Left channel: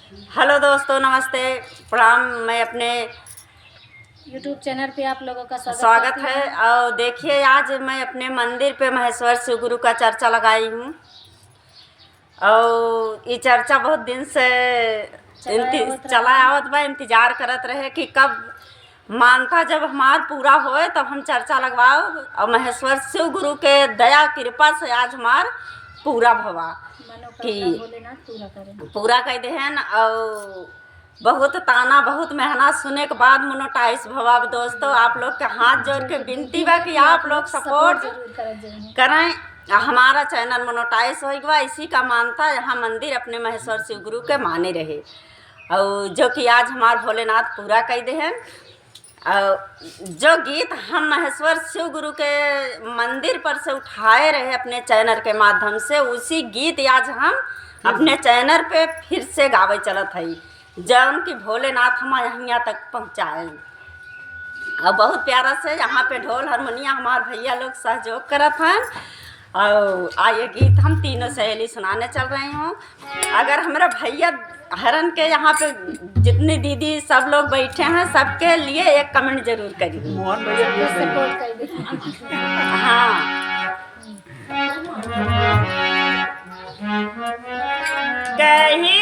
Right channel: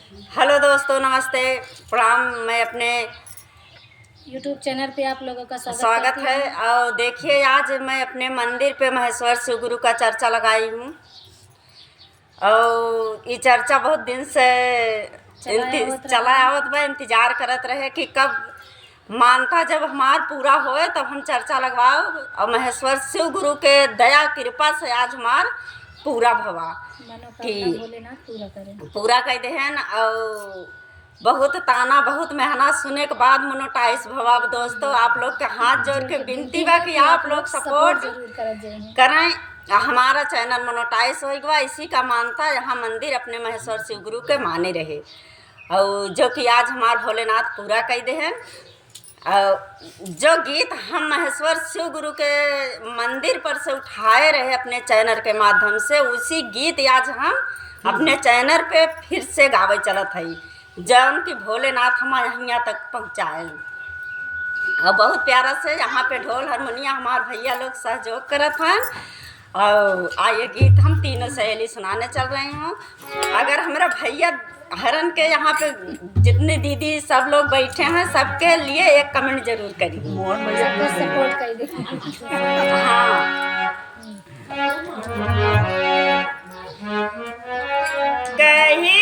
Hello दोस्तों, नमस्ते, प्रणाम। मैं अपने यूट्यूब चैनल पे आप लोगों का स्वागत करती है। हूँ। और देखिए, आज मैं अपने मंदिर पे महेश्वर शिव गुरु का चर्चा लगाई हूँ। और ये चर्चा बहुत दिन से चला आवत बा, इंतजार करत रहे कि कब मानता जब हमार पूरा होए तब हम चर्चा लगवाओ। और महेश्वर शिव गुरु के दया कृपा से आज हमार पूरा भवा मनोकामना भोलेनाथ पूरा कर देहन। और बहुत ताना बहुत मेहनत सुने के बाद मोनेटाइज भवा। दोस्तों, आप लोग के हाथ जोड़ के विनती बा कि आप लोग सपोर्ट करें। हमारा चैनल मोनेटाइज होगा, इसी का मानता यहाँ मंदिर अपने महेश्वर शिव गुरु के माने रहे। और जो कि आज हमार भोलेनाथ पूरा कर देहन। जो गीत हम महेश्वर शिव गुरु के मंदिर पर से उठाए रहे अपने चैनल के माध्यम से, उसी गीत आज हम अपने चैनल पे फिर से गावे चलत है, जौन कि भोलेनाथ हम यहाँ तक पहुँचाए। और बहुत प्यारा से यहाँ पे ढोल हारमोनिया हमारे भैया लोग सहयोग करत हैं। और आइए गीत हम तीनों सहेली सुनाने चल रही हूँ। अगर हमारा भैया हरन के यहाँ पे जितनी दीदी सब लोग बैठे हैं, सबके लिए एक कमेंट जरूर करिए, सपोर्ट कर दीजिए। हाँ। कहीं